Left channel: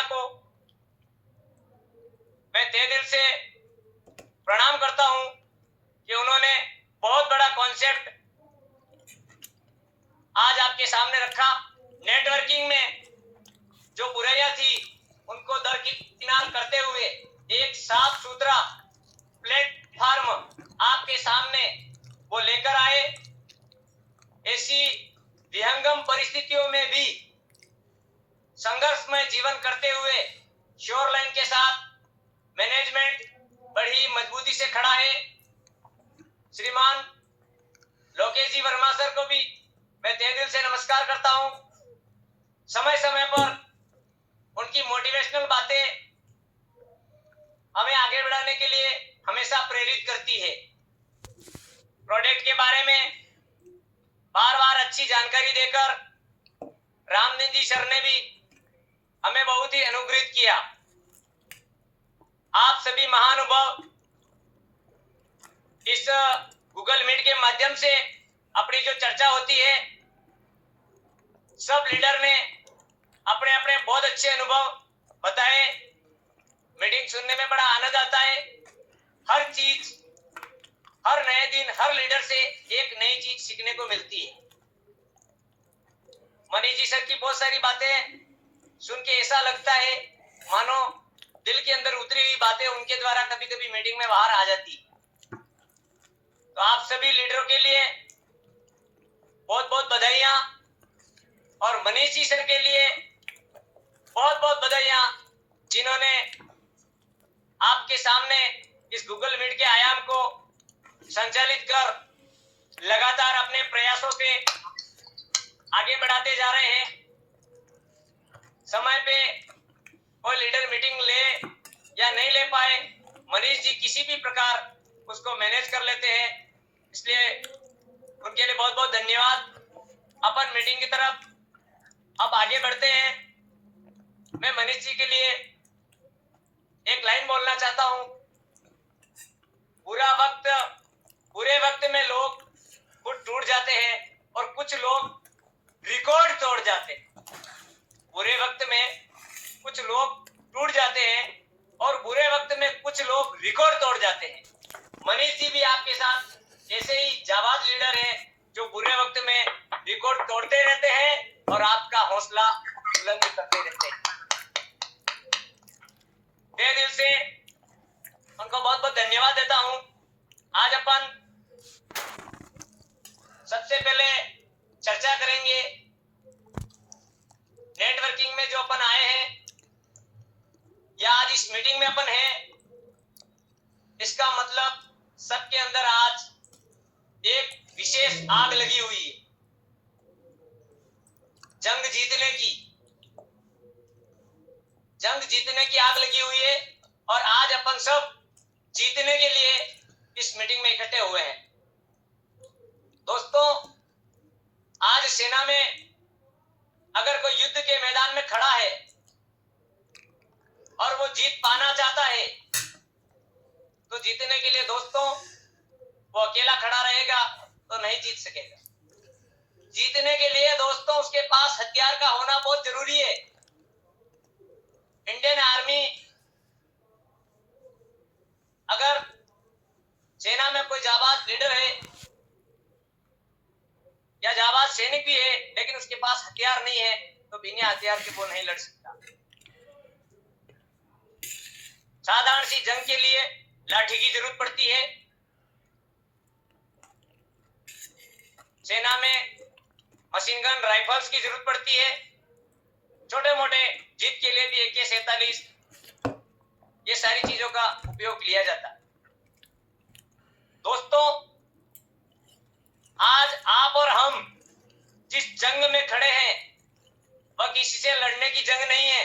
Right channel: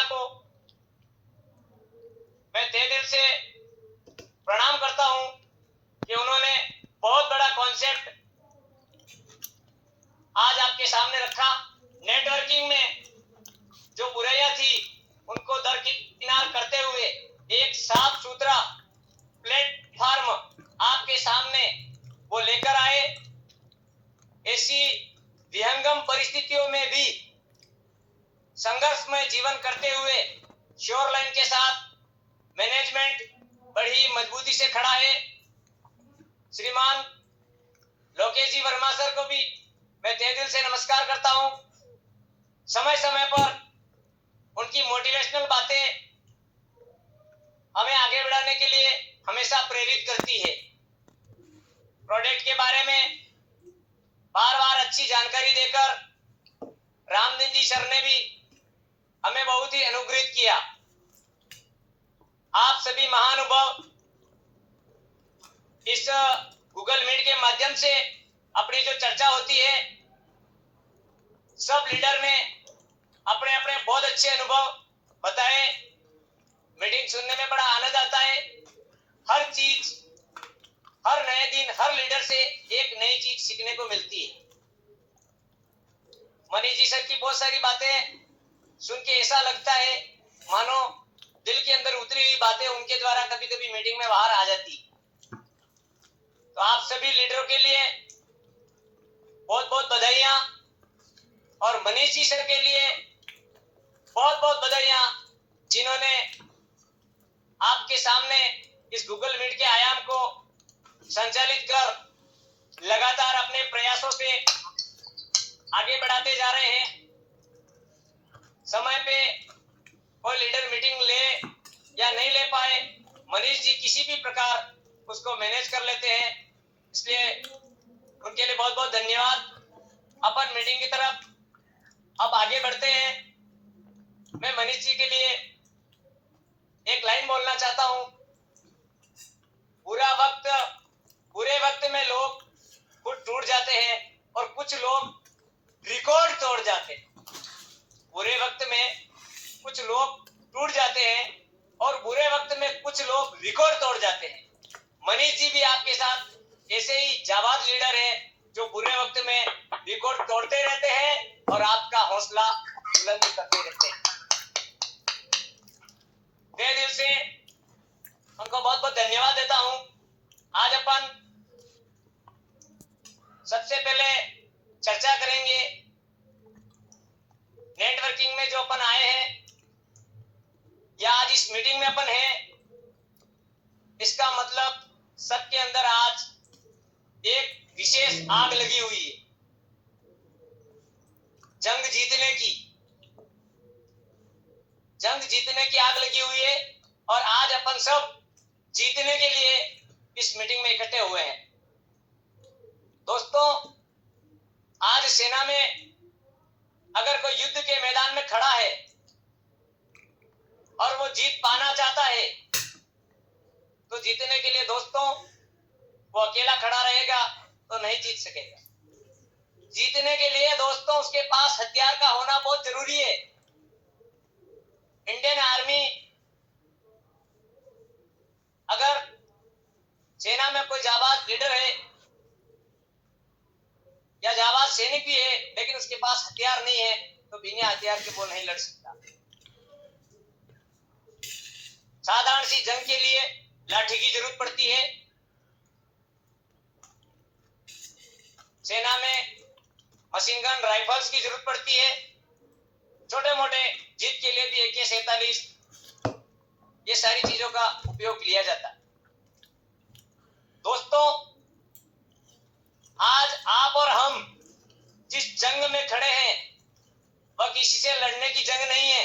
भैया को मैं तहे दिल से प्रणाम करता हूं कि उन्होंने बहुत बड़ा कॉन्सेप्ट आज आपके सामने रखा। नेटवर्किंग में जो बुराइयां थी उनको दरकिनार करते हुए एक साफ सुथरा प्लेटफॉर्म आपके सामने वो लेकर आए। ऐसी विहंगम परिस्थितियों में भी संघर्षमय जीवन करते हुए श्योर लाइन के साथ मैनेजमेंट बड़ी मजबूती से खड़ा है। श्रीमान लोकेश जी वर्मा सर को भी मैं तहे दिल से नमस्कार करता हूं। समय समय पर उनकी मोटिवेशनल बातें हमें आगे बढ़ाने के लिए हमेशा प्रेरित करती है। प्रोडक्ट के बारे में बार बार अच्छी जानकारी देकर रामदीन जी सर ने भी हमें बहुत ही अनुग्रहित किया। आप सभी महानुभाव इस गूगल मीट के माध्यम से अपनी जो चर्चा होती है, सब लीडर ने अपने अपने बहुत अच्छे अनुभव बताए। मीटिंग सुनने में बड़ा आनंद आता है। हर चीज, हर नए दिन, हर लीडर से एक नई चीज सीखने को मिलती है। मनीष जी सर की बहुत सारी बातें सुन के ऐसा लगता है मानो दिल के अंदर उतरी हुई बातें उनके द्वारा कभी कभी मीटिंग में बाहर आ जाती। तो आप सभी लीडरों के लिए बहुत बहुत बधाइयां और मनीष जी सर के लिए बहुत बहुत बधाइयां, जिन्होंने आपके सामने इस गूगल मीट के आयाम को संचालित कर लगातार अपने प्रयासों से आगे बढ़ाते जा रहे हैं। समय पे कोई लीडर मीटिंग ले या नहीं ले पाए, मनीष जी किसी भी प्रकार उसको मैनेज कर लेते हैं, इसलिए उनके लिए बहुत बहुत धन्यवाद। अपन मीटिंग की तरफ अब आगे बढ़ते हैं। मैं मनीष जी के लिए एक लाइन बोलना चाहता हूं। बुरे वक्त में लोग खुद टूट जाते हैं और कुछ लोग रिकॉर्ड तोड़ जाते हैं। बुरे वक्त में कुछ लोग टूट जाते हैं और बुरे वक्त में कुछ लोग रिकॉर्ड तोड़ जाते हैं। मनीष जी भी आपके साथ ऐसे ही जाबाज लीडर है जो बुरे वक्त में रिकॉर्ड तोड़ते रहते हैं और आपका हौसला बुलंद करते रहते हैं। तहे दिल से उनको बहुत बहुत धन्यवाद देता हूं। आज अपन सबसे पहले चर्चा करेंगे नेटवर्किंग में जो अपन आए हैं या आज इस मीटिंग में अपन हैं, इसका मतलब सबके अंदर आज एक विशेष आग लगी हुई है जंग जीतने की आग लगी हुई है और आज अपन सब जीतने के लिए इस मीटिंग में इकट्ठे हुए हैं। दोस्तों, आज सेना में अगर कोई युद्ध के मैदान में खड़ा है और वो जीत पाना चाहता है तो जीतने के लिए दोस्तों वो अकेला खड़ा रहेगा तो नहीं जीत सकेगा। जीतने के लिए दोस्तों उसके पास हथियार का होना बहुत जरूरी है। इंडियन आर्मी, अगर सेना में कोई जाबाज लीडर है या जाबाज सैनिक भी है लेकिन उसके पास हथियार नहीं है तो बिना हथियार के वो नहीं लड़ सकता। साधारण सी जंग के लिए लाठी की जरूरत पड़ती है। सेना में मशीन गन, राइफल्स की जरूरत पड़ती है। छोटे मोटे जीत के लिए भी AK-47 ये सारी चीजों का उपयोग लिया जाता है। दोस्तों, आज आप और हम जिस जंग में खड़े हैं वह किसी से लड़ने की जंग नहीं है।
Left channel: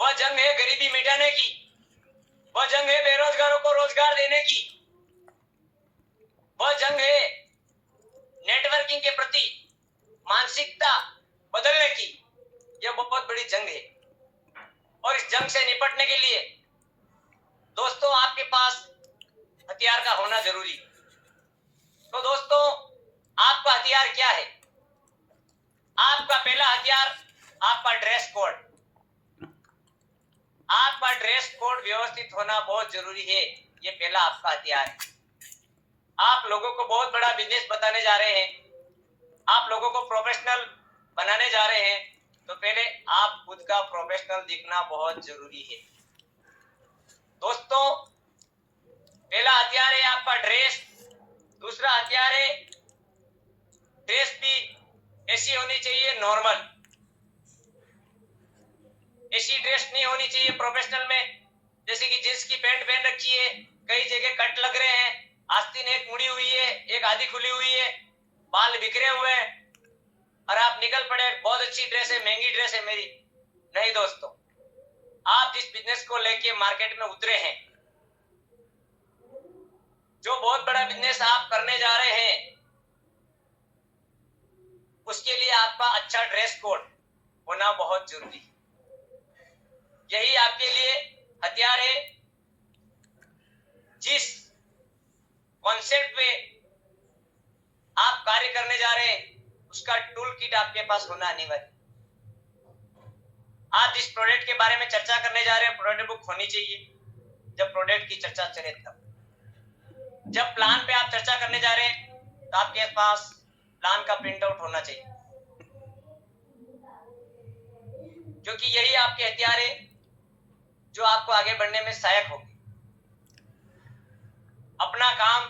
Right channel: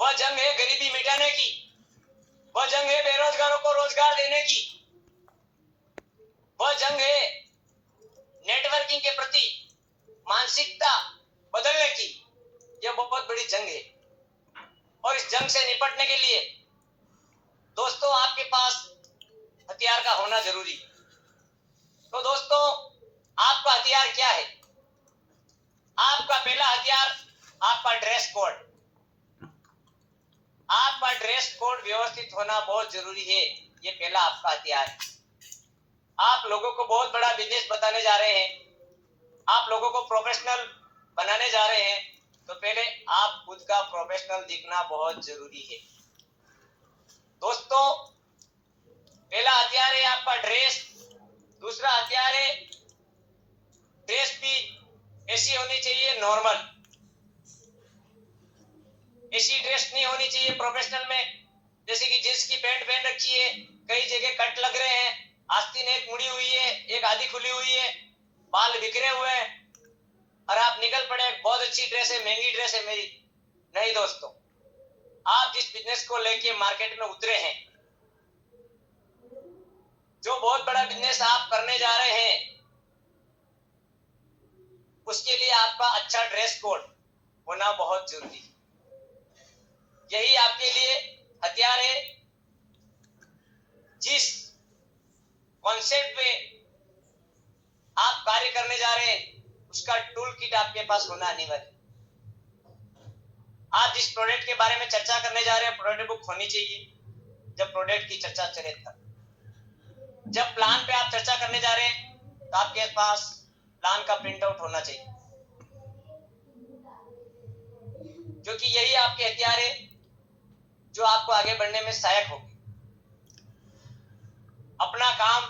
वह जंग है गरीबी मिटाने की। वह जंग है बेरोजगारों को रोजगार देने की। वह जंग है नेटवर्किंग के प्रति मानसिकता बदलने की। यह बहुत बड़ी जंग है और इस जंग से निपटने के लिए दोस्तों आपके पास हथियार का होना जरूरी है। तो दोस्तों, आपका हथियार क्या है? आपका पहला हथियार आपका ड्रेस कोड। आपका ड्रेस कोड व्यवस्थित होना बहुत जरूरी है। ये पहला आपका हथियार है। आप लोगों को बहुत बड़ा बिजनेस बताने जा रहे हैं, आप लोगों को प्रोफेशनल बनाने जा रहे हैं, तो पहले आप खुद का प्रोफेशनल दिखना बहुत जरूरी है। दोस्तों, पहला हथियार है आपका ड्रेस। दूसरा हथियार है ड्रेस भी ऐसी होनी चाहिए नॉर्मल, ऐसी ड्रेस नहीं होनी चाहिए प्रोफेशनल में जैसे कि जींस की पैंट पहन रखी है, कई जगह कट लग रहे हैं, आस्तीन एक मुड़ी हुई है, एक आधी खुली हुई है, बाल बिखरे हुए हैं और आप निकल पड़े बहुत अच्छी ड्रेस है, महंगी ड्रेस है मेरी। नहीं दोस्तों, आप जिस बिजनेस को लेके मार्केट में उतरे हैं, जो बहुत बड़ा बिजनेस आप करने जा रहे हैं, उसके लिए आपका अच्छा ड्रेस कोड होना बहुत जरूरी है। यही आपके लिए हथियार है। जिस कॉन्सेप्ट पे आप कार्य करने जा रहे हैं, उसका टूल किट आपके पास होना अनिवार्य। आप जिस प्रोडक्ट के बारे में चर्चा करने जा रहे हैं, प्रोडक्ट बुक होनी चाहिए। जब प्रोडक्ट की चर्चा चले तब, जब प्लान पे आप चर्चा करने जा रहे हैं, तो आपके पास प्लान का प्रिंट आउट होना चाहिए, क्योंकि यही आपके हथियार है जो आपको आगे बढ़ने में सहायक होंगे। अपना काम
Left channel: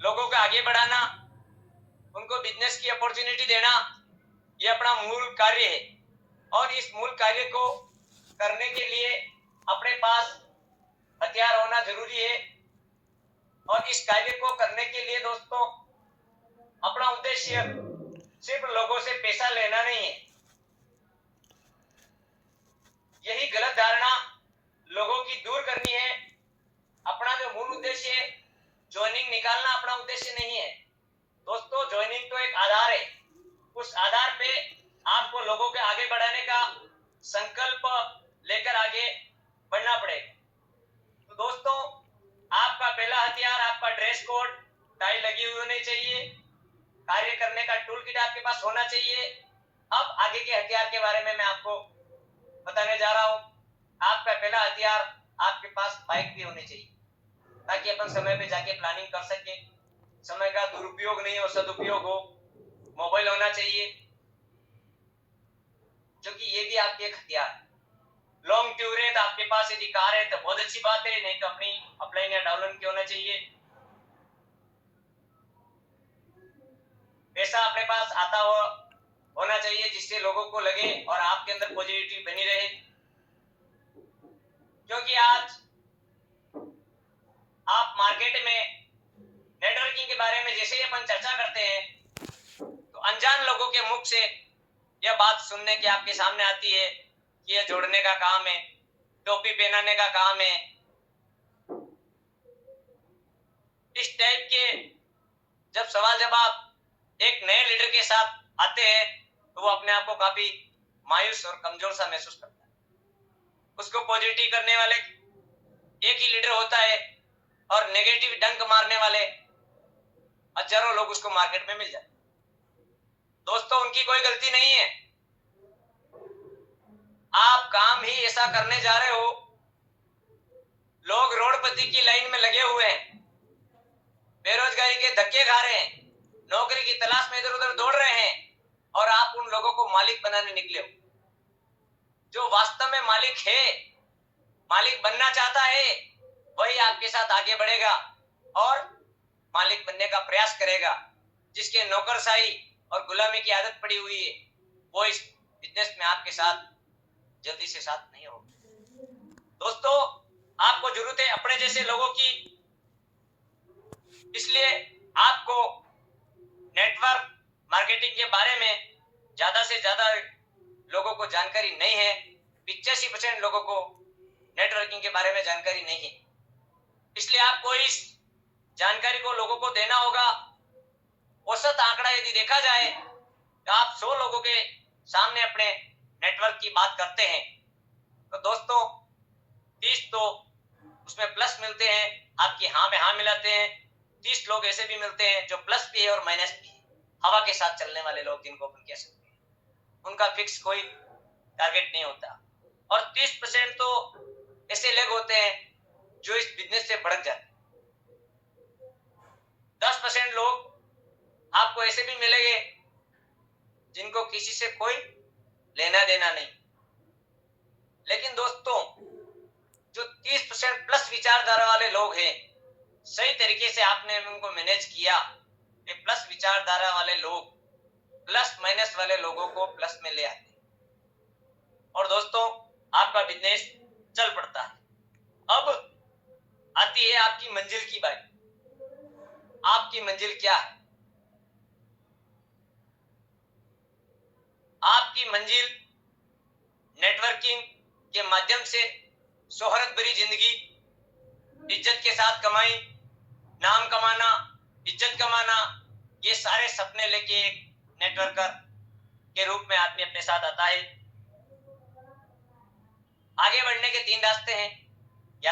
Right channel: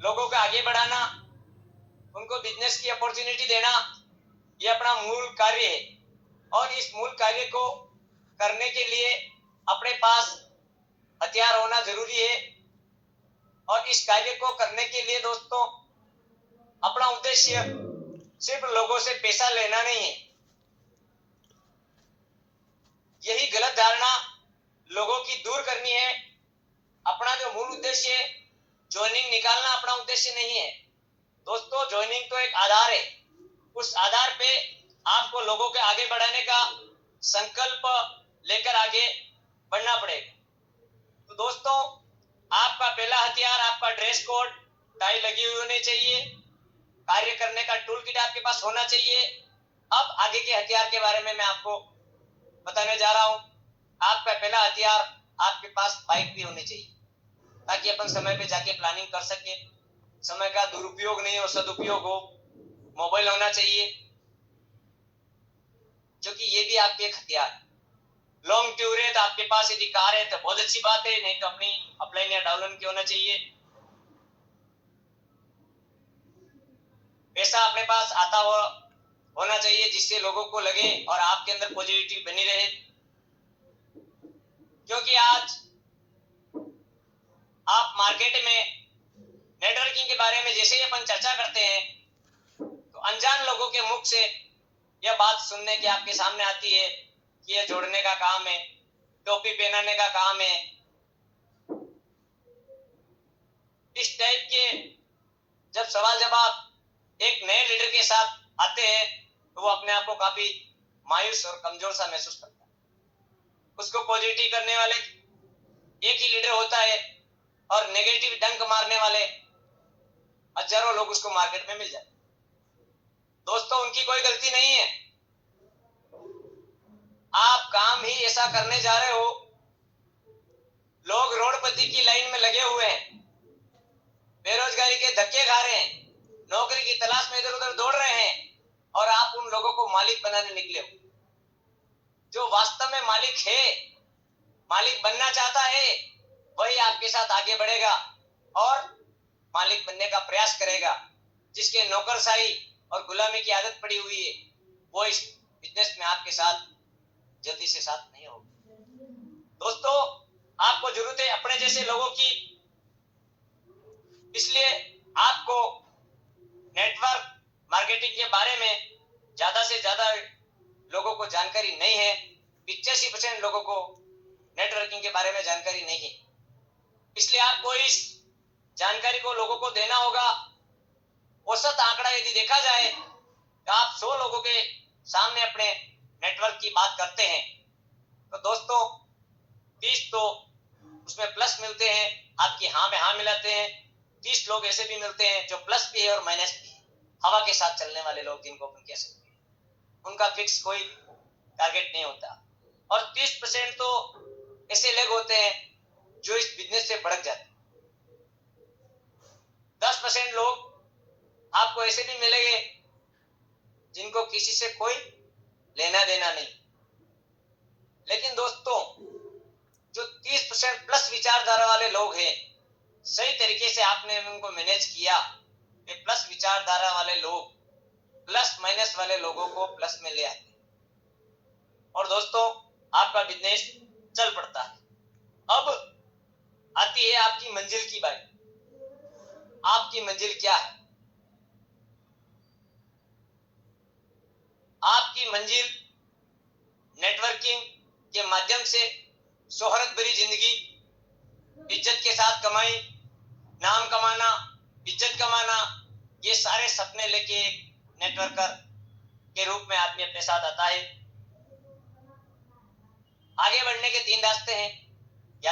लोगों को आगे बढ़ाना, उनको बिजनेस की अपॉर्चुनिटी देना, ये अपना मूल कार्य है। और इस मूल कार्य को करने के लिए अपने पास हथियार होना जरूरी है। और इस कार्य को करने के लिए दोस्तों, अपना उद्देश्य सिर्फ लोगों से पैसा लेना नहीं है। यही गलत धारणा लोगों की दूर करनी है। अपना जो मूल उद्देश्य है, ज्वाइनिंग निकालना अपना उद्देश्य नहीं है दोस्तों। ज्वाइनिंग तो एक आधार है, उस आधार पे आपको लोगों के आगे बढ़ाने का संकल्प लेकर आगे बढ़ना पड़ेगा। तो दोस्तों, आपका पहला हथियार आपका ड्रेस कोड, टाई लगी हुई होनी चाहिए, कार्य करने का टूल किट आपके पास होना चाहिए। अब आगे के हथियार के बारे में मैं आपको बताने जा रहा हूं। आपका पहला हथियार, आपके पास बाइक भी होनी चाहिए, ताकि अपन समय पे जाके प्लानिंग कर सके, समय का दुरुपयोग नहीं हो, सदुपयोग हो। मोबाइल होना चाहिए, क्योंकि ये भी आपके एक हथियार। लॉन्ग टूर है तो आपके पास यदि कार है तो बहुत अच्छी बात है, नहीं तो अपनी अपलाइन या डाउनलाइन की होना चाहिए। पैसा अपने पास आता हुआ होना चाहिए, जिससे लोगों को लगे और आपके अंदर पॉजिटिविटी बनी रहे। क्योंकि आज आप मार्केट में नेटवर्किंग के बारे में जैसे ही अपन चर्चा करते हैं, तो अनजान लोगों के मुख से यह बात सुनने की आपके सामने आती है कि यह जोड़ने का काम है, टोपी पहनाने का काम है। इस टाइप के जब सवाल जवाब एक नए लीडर के साथ आते हैं, तो वो अपने आप को काफी मायूस और कमजोर सा महसूस करता है। उसको पॉजिटिव करने वाले एक ही लीडर होता है और नेगेटिव डंक मारने वाले हजारों लोग उसको मार्केट में मिल जाते। दोस्तों, उनकी कोई गलती नहीं है। आप काम ही ऐसा करने जा रहे हो, लोग रोडपति की लाइन में लगे हुए हैं, बेरोजगारी के धक्के खा रहे हैं, नौकरी की तलाश में इधर उधर दौड़ रहे हैं, और आप उन लोगों को मालिक बनाने निकले हो। जो वास्तव में मालिक है, मालिक बनना चाहता है, वही आपके साथ आगे बढ़ेगा और मालिक बनने का प्रयास करेगा। जिसके नौकरशाही और गुलामी की आदत पड़ी हुई है, वो इस बिजनेस में आपके साथ जल्दी से साथ नहीं होगा। दोस्तों, आपको जरूरत है अपने जैसे लोगों की। इसलिए आपको नेटवर्क मार्केटिंग के बारे में ज्यादा से ज्यादा लोगों को जानकारी नहीं है। 85% लोगों को नेटवर्किंग के बारे में जानकारी नहीं है। इसलिए आपको इस जानकारी को लोगों को देना होगा। औसत आंकड़ा यदि देखा जाए तो आप 100 लोगों के सामने अपने नेटवर्क की बात करते हैं, तो दोस्तों 30 तो उसमें प्लस मिलते हैं, आपकी हाँ में हाँ मिलाते हैं। 30 लोग ऐसे भी मिलते हैं जो प्लस भी है और माइनस भी है, हवा के साथ चलने वाले लोग जिनको अपन कह सकते हैं। उनका फिक्स कोई टारगेट नहीं होता। और 30% तो ऐसे लोग होते हैं जो इस बिजनेस से भड़क जाते हैं। 10% लोग आपको ऐसे भी मिलेंगे जिनको किसी से कोई लेना देना नहीं। लेकिन दोस्तों, जो 30% प्लस विचारधारा वाले लोग हैं, सही तरीके से आपने उनको मैनेज किया, ये प्लस विचारधारा वाले लोग प्लस माइनस वाले लोगों को प्लस में ले आते हैं और दोस्तों आपका बिजनेस चल पड़ता है। अब आती है आपकी मंजिल की बात। आपकी मंजिल क्या है? आपकी मंजिल नेटवर्किंग के माध्यम से शोहरत भरी जिंदगी, इज्जत के साथ कमाई, नाम कमाना, इज्जत कमाना, ये सारे सपने लेके एक नेटवर्कर के रूप में आदमी अपने साथ आता है। आगे बढ़ने के 3 रास्ते हैं।